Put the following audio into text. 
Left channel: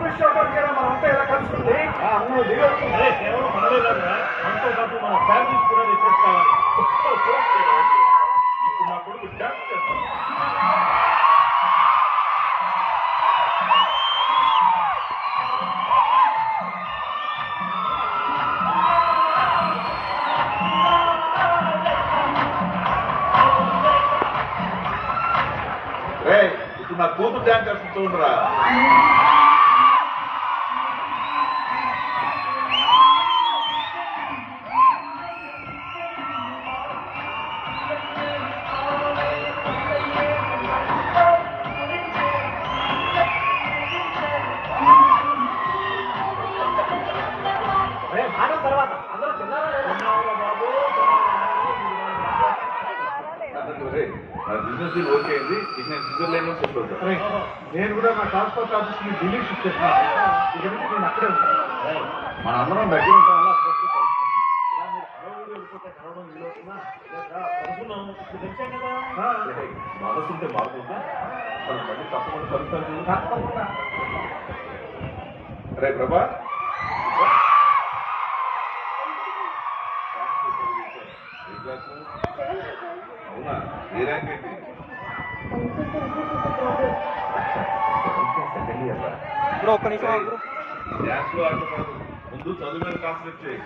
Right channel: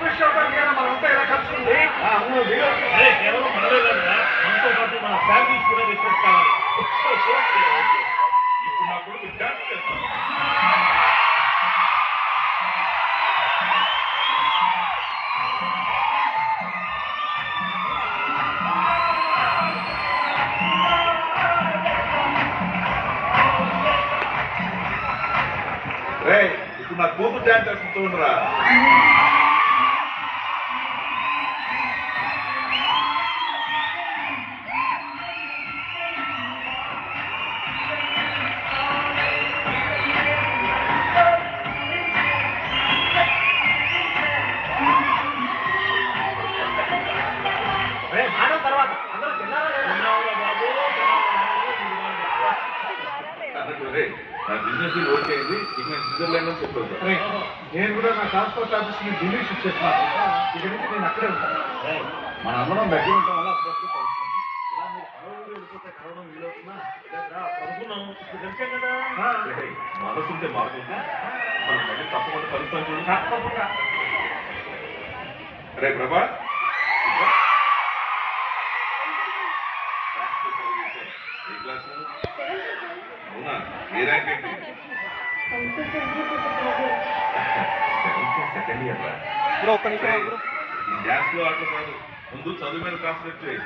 కృషి అవడానికైనా మనంతా ఇలా కలుసుకుంది. కేవలం మనలే కదా, మనతో పాటు మన ఫ్యామిలీస్ కూడా రిక్వెస్ట్ కావాలి. ఇప్పుడు నా కొడుకు డాన్స్ చేస్తాను. ఇప్పుడు నా కూతురు డాన్స్ చేస్తూ ఉండరా. తర్వాత అందరూ తిన్నారా బాబు? నా బిజినెస్ ఓకే అయింది. ఇక నేను స్విట్జర్లాండ్ లో సెటిల్ అవుతాను. నేను కూడా నా ట్రాన్స్పోర్ట్ ఆఫీస్ కి ఢిల్లీ షిఫ్ట్ చేస్తున్నాను. ఇక నుంచి నేను అక్కడే ఉంటాను. మన అందరం దగ్గర ఉంటాం వల్ల మనసుంటే మారుతుంటే మనం మళ్ళీ తప్పకుండా కలుస్తాను చూడు. తప్పకుండా. రే ప్రభా, అవునా? ఏ ర్యాంక్ ఏంటి? సెకండ్ ఇయర్ రా. బ్రో ఒక్క నిమిషం బ్రో. ఈ డ్యాన్స్ లో ఆటలు ముందు చదువు మీద కాన్సన్ట్రేట్ చేయి.